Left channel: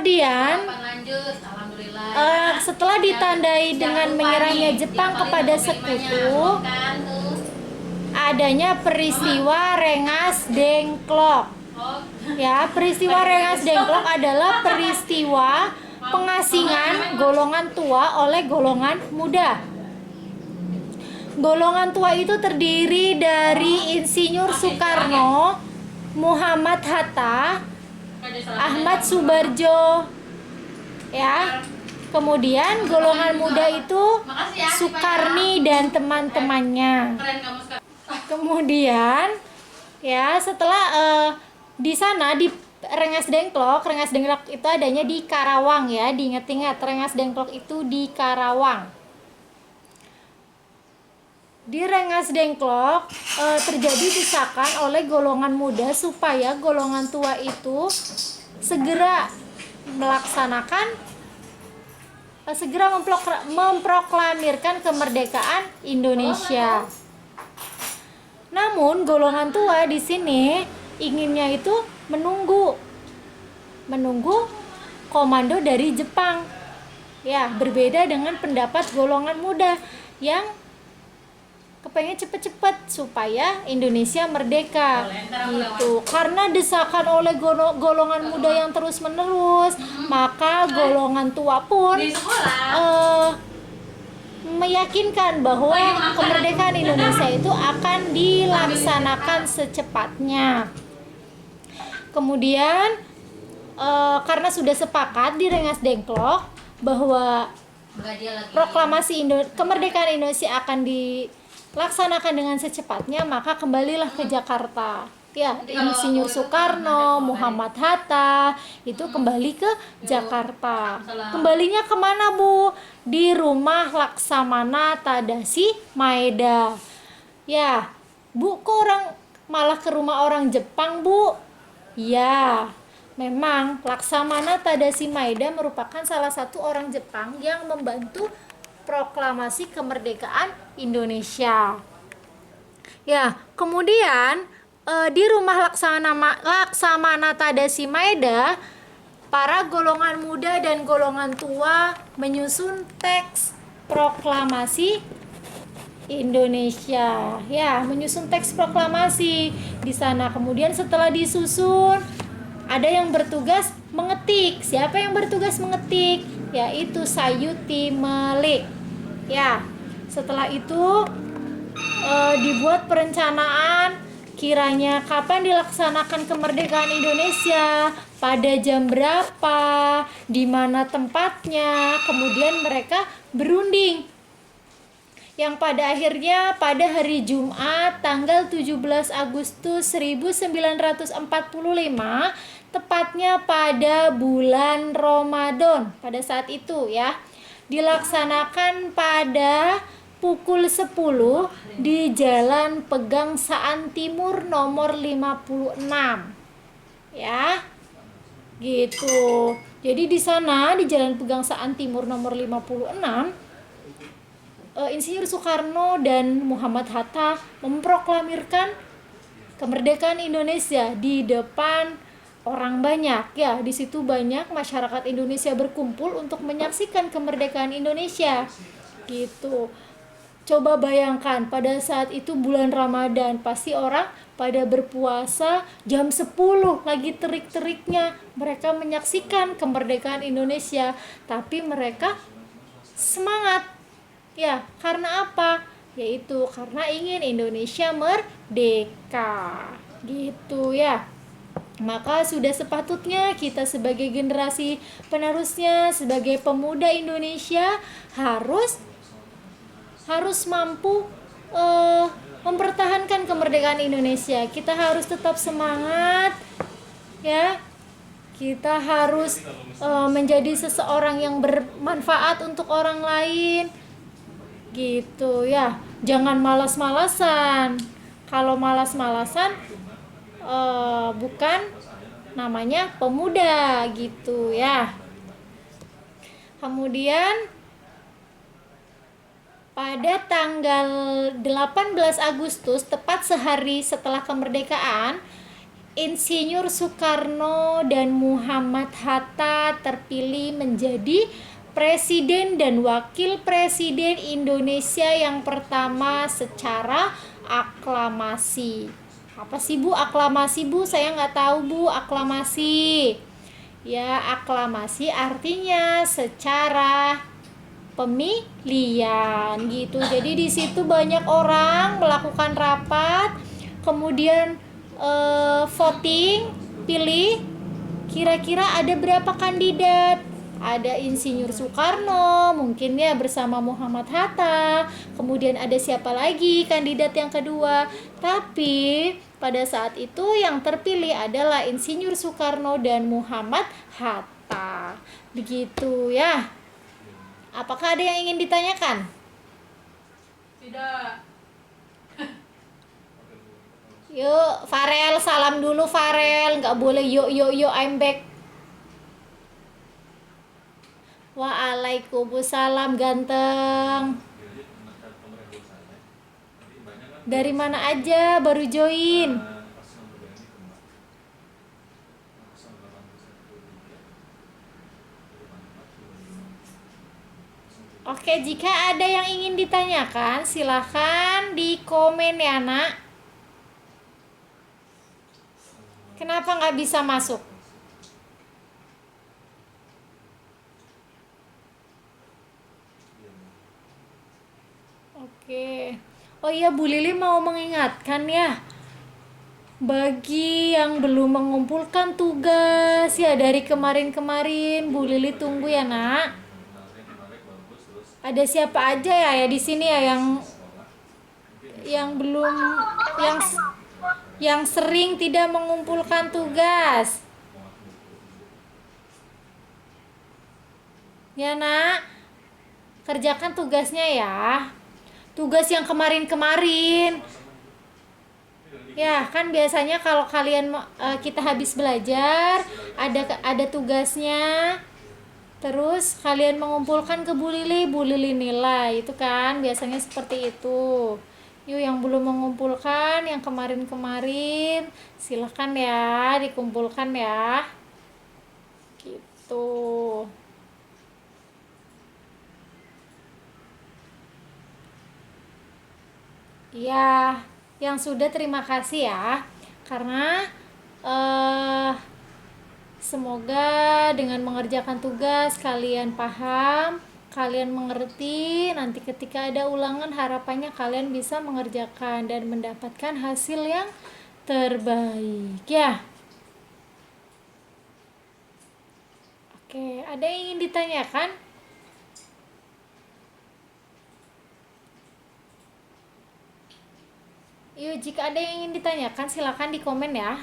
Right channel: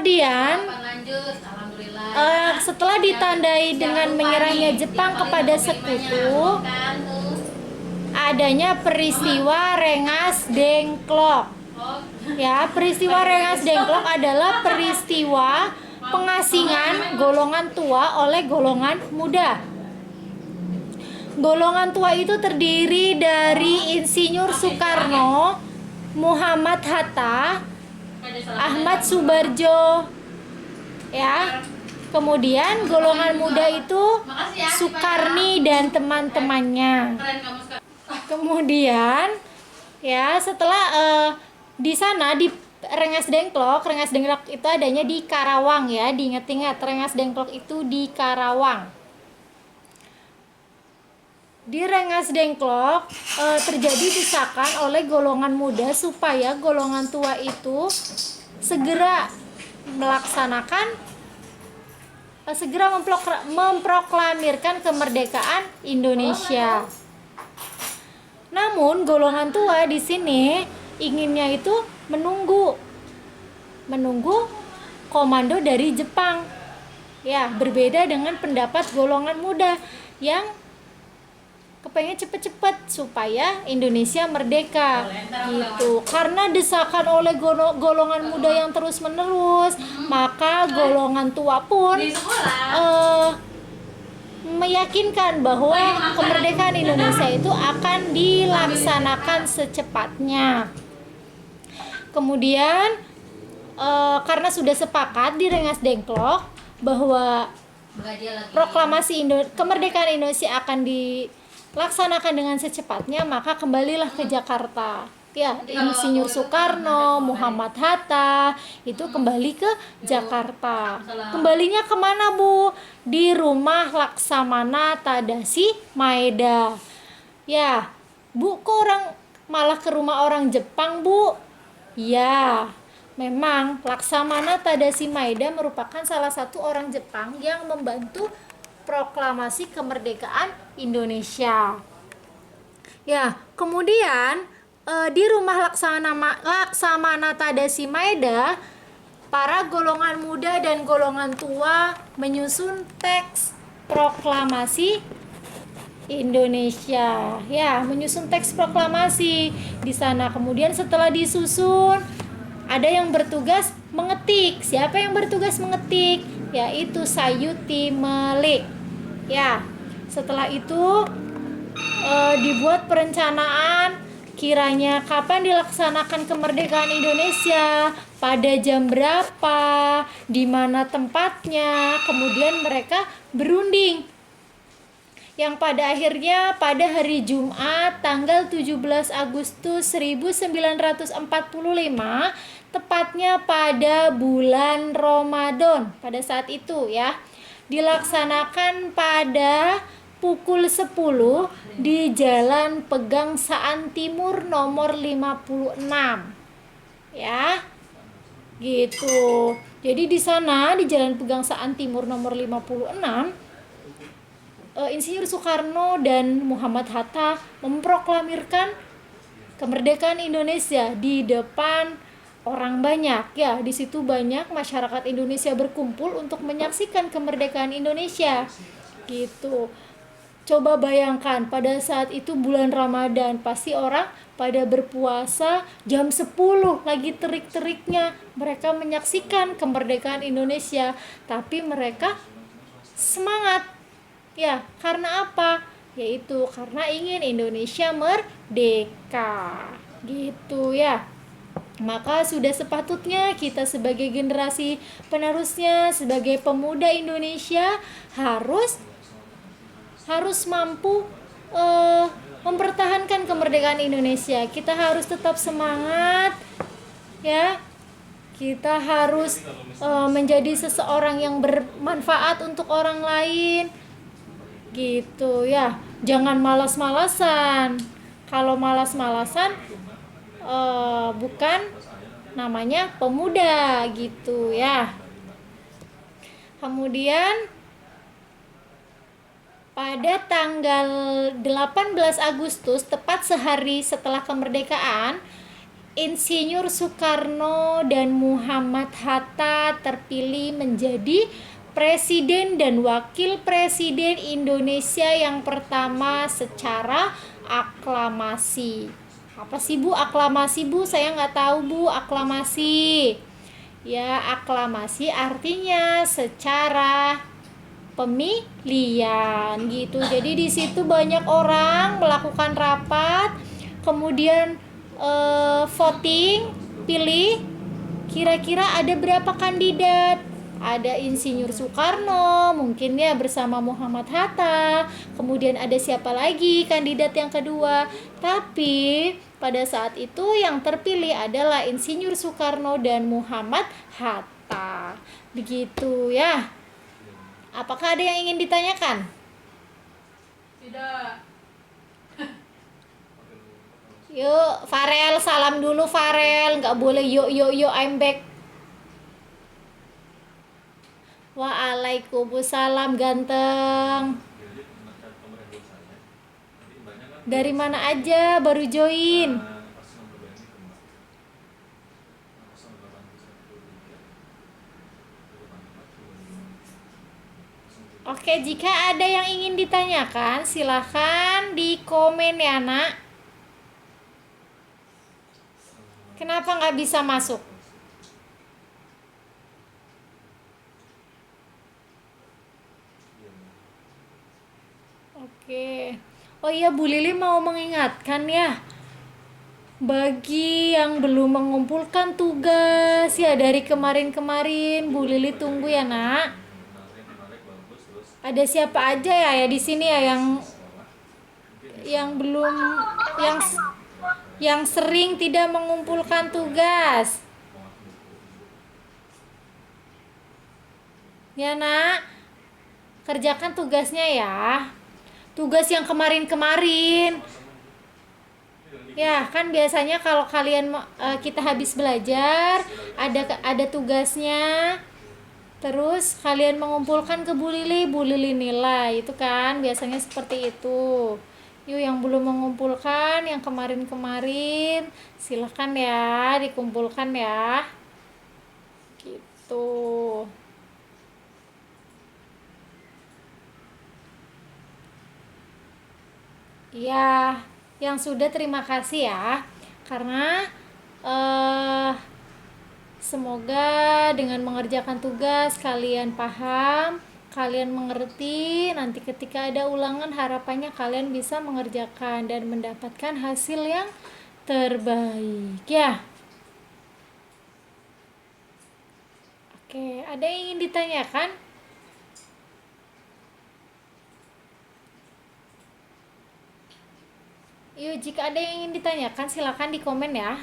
Kemudian lanjut, alhamdulillah. setelah ditandai dengan menyerahnya Jepang kepada sekutu, adanya peristiwa Rengas Dengklok. Ya, peristiwa Rengas Dengklok adalah peristiwa pengasingan golongan tua oleh golongan muda. Golongan tua itu terdiri dari Insinyur Soekarno, Muhammad Hatta, Ahmad Subarjo, ya. Kemudian golongan muda itu Sukarni dan teman-temannya. Kemudian ya setelah di sana di Rengas Dengklok itu adanya di Karawang ya, diingat-ingat Rengas Dengklok itu di Karawang. Di Rengas Dengklok terjadi desakan oleh golongan muda supaya golongan tua itu segera memproklamirkan kemerdekaan Indonesia. Namun golongan tua di sini inginnya itu menunggu komando dari Jepang. Ya, berbeda dengan pendapat golongan muda yang kepengen cepet-cepet supaya Indonesia merdeka gitu. Karena desakan oleh golongan muda yang terus-menerus, maka golongan tua pun meyakinkan bahwa kemerdekaan Indonesia itu akan dilaksanakan secepatnya. Kemudian karena sudah sepakat di Rengas Dengklok bahwa proklamasi kemerdekaan Indonesia akan dilaksanakan dengan secepatnya, maka kembalilah ke Jakarta. Ya, Insinyur Soekarno, Muhammad Hatta itu kembali ke Jakarta. Kembalinya kemana, Bu? Di rumah Laksamana Tadashi Maeda. Ya, Bu, kok orang malah ke rumah orang Jepang, Bu? Ya, memang Laksamana Tadashi Maeda merupakan salah satu orang Jepang yang membantu proklamasi kemerdekaan Indonesia. Ya, kemudian di rumah Laksamana Tadashi Maeda, para golongan muda dan golongan tua menyusun teks proklamasi Indonesia. Ya, menyusun teks proklamasi di sana. Kemudian setelah disusun, ada yang bertugas mengetik. Siapa yang bertugas mengetik? Yaitu Sayuti Melik. Ya, setelah itu dibuat perencanaan kiranya kapan dilaksanakan kemerdekaan Indonesia, pada jam berapa, di mana tempatnya. Kemudian mereka berunding, yang pada akhirnya pada hari Jumat tanggal 17 Agustus 1945, tepatnya pada bulan Ramadan pada saat itu ya, dilaksanakan pada pukul 10 di Jalan Pegangsaan Timur nomor 56. Ya. Gitu. Jadi di sana di Jalan Pegangsaan Timur nomor 56, Insinyur Soekarno dan Muhammad Hatta memproklamirkan kemerdekaan Indonesia di depan orang banyak. Ya, di situ banyak masyarakat Indonesia berkumpul untuk menyaksikan kemerdekaan Indonesia. Gitu. Coba bayangkan pada saat itu bulan Ramadan, pasti orang pada berpuasa jam 10 lagi terik-teriknya mereka menyaksikan kemerdekaan Indonesia, tapi mereka semangat. Ya, karena apa? Yaitu karena ingin Indonesia merdeka. Gitu ya. Maka sudah sepatutnya kita sebagai generasi penerusnya, sebagai pemuda Indonesia harus mampu mempertahankan kemerdekaan Indonesia. Kita harus tetap semangat ya. Kita harus menjadi seseorang yang bermanfaat untuk orang lain. Gitu ya. Jangan malas-malasan. Kalau malas-malasan bukan namanya pemuda gitu ya. Kemudian pada tanggal 18 Agustus, tepat sehari setelah kemerdekaan, Insinyur Soekarno dan Muhammad Hatta terpilih menjadi Presiden dan Wakil Presiden Indonesia yang pertama secara aklamasi. Apa sih Bu aklamasi Bu? Saya nggak tahu Bu aklamasi. Ya aklamasi artinya secara pemilihan gitu. Jadi di situ banyak orang melakukan rapat, kemudian voting, pilih kira-kira ada berapa kandidat. Ada Insinyur Soekarno, mungkin ya bersama Muhammad Hatta. Kemudian ada siapa lagi kandidat yang kedua. Tapi pada saat itu yang terpilih adalah Insinyur Soekarno dan Muhammad Hatta. Begitu ya. Apakah ada yang ingin ditanyakan? Tidak. Yuk, Farel, salam dulu Farel. Nggak boleh yuk, I'm back. Waalaikumsalam ganteng. Dari mana aja baru join? Oke, jika ada yang ingin ditanyakan, silahkan di komen ya nak. Kenapa nggak bisa masuk? Oke. Oh iya, Bu Lili mau mengingatkan ya, bagi yang belum mengumpulkan tugas ya dari kemarin-kemarin, Bu Lili tunggu ya nak. Ada siapa aja ya di sini ya yang belum yang sering tidak mengumpulkan tugas? Ya nak, kerjakan tugasnya ya. Tugas yang kemarin-kemarin. Ya, kan biasanya kalau kalian kita habis belajar, ada tugasnya. Terus kalian mengumpulkan ke Bu Lili nilai. Itu kan biasanya seperti itu. Yuk yang belum mengumpulkan yang kemarin-kemarin, silahkan ya dikumpulkan ya. Gitu. Ya, yang sudah terima kasih ya. Karena semoga dengan mengerjakan tugas kalian paham, kalian mengerti. Nanti ketika ada ulangan harapannya kalian bisa mengerjakan dan mendapatkan hasil yang terbaik ya. Oke, ada yang ingin ditanyakan? Yuk, jika ada yang ingin ditanyakan silakan di komen ya.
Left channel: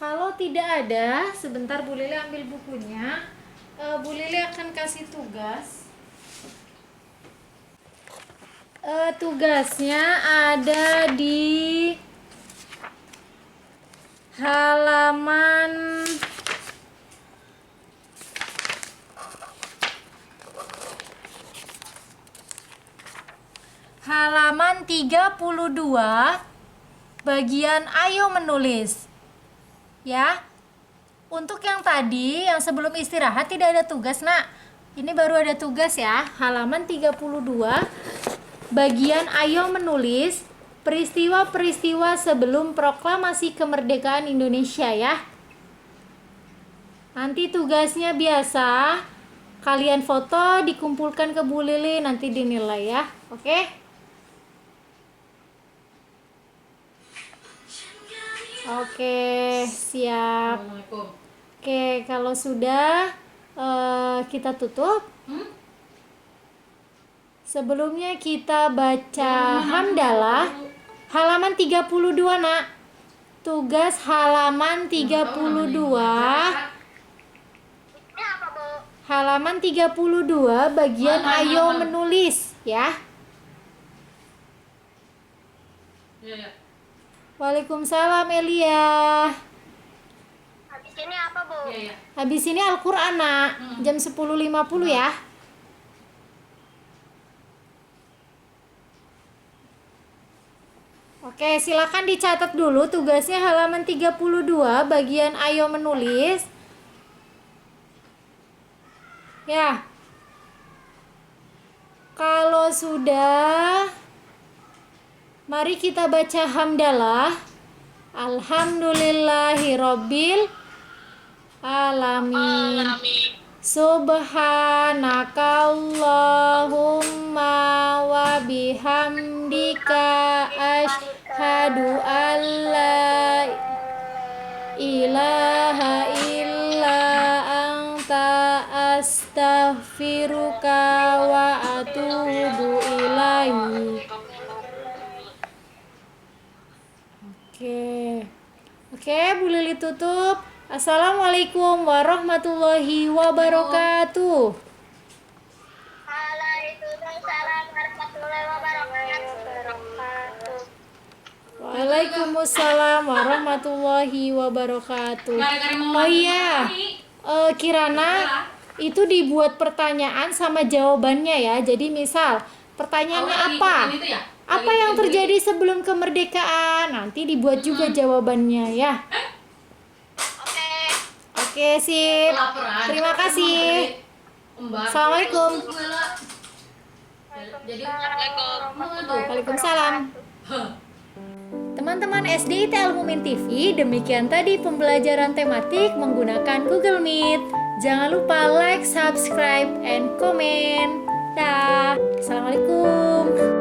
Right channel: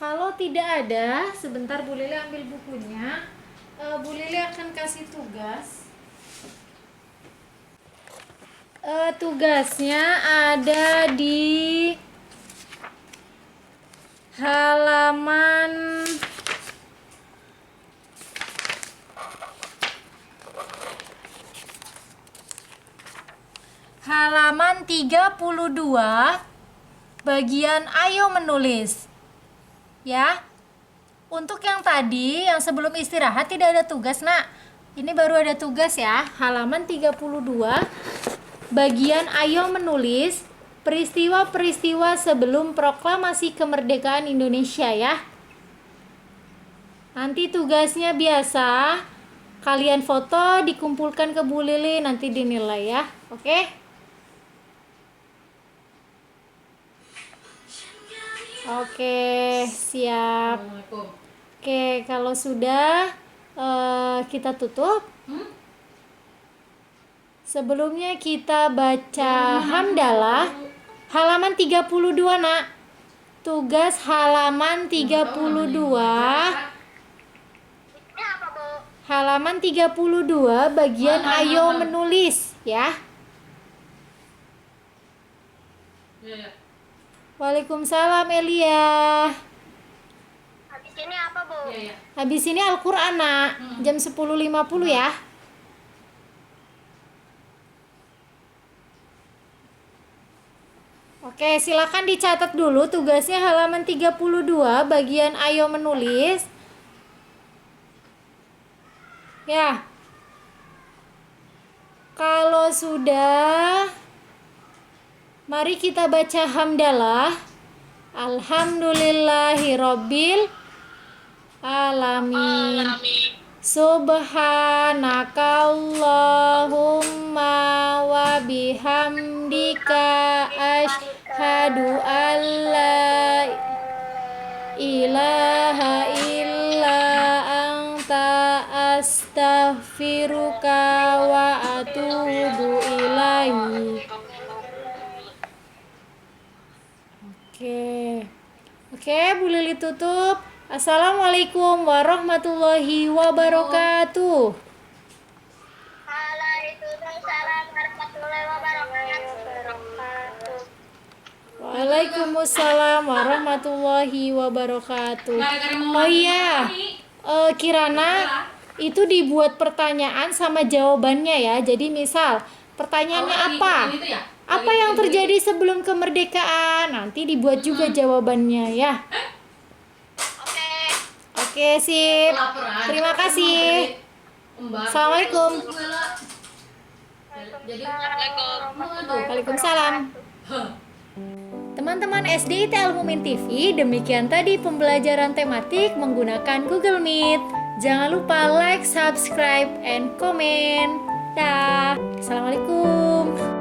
Kalau tidak ada, sebentar Bu Lili ambil bukunya. Bu Lili akan kasih tugas. Tugasnya ada di halaman halaman 32 bagian ayo menulis ya. Untuk yang tadi yang sebelum istirahat tidak ada tugas nak, ini baru ada tugas ya. Halaman 32 bagian ayo menulis peristiwa-peristiwa sebelum proklamasi kemerdekaan Indonesia ya. Nanti tugasnya biasa kalian foto dikumpulkan ke Bu Lili, nanti dinilai ya. Oke? Oke, siap. Oke, kalau sudah kita tutup. Sebelumnya kita baca hamdalah halaman 32 nak. Tugas halaman 32. Halaman 32 bagian ayo menulis ya. Waalaikumsalam Elia. Habis ini apa, Bu? Iya. Habis ini Al-Qur'an nak. Jam 10.50 ya. Oke, silakan dicatat dulu tugasnya halaman 32 bagian ayo menulis. Ya. Kalau sudah, mari kita baca hamdalah. Alhamdulillahirabbil alamin. Subhanakallahumma wa bihamdika asyhadu an la ilaha illa anta astaghfiruka wa atubu ilaik. Oke, Bu Lili tutup. Assalamualaikum warahmatullahi wabarakatuh. Waalaikumsalam warahmatullahi wabarakatuh. Waalaikumsalam warahmatullahi wabarakatuh. Oh iya, Kirana, itu dibuat pertanyaan sama jawabannya ya. Jadi misal pertanyaannya apa? Apa yang terjadi sebelum kemerdekaan? Nanti dibuat juga jawabannya ya. Oke, sip. Terima kasih. Assalamualaikum. Waalaikumsalam. Teman-teman SD IT Al-Mumin TV, demikian tadi pembelajaran tematik menggunakan Google Meet. Jangan lupa like, subscribe, and comment. Dah. Assalamualaikum.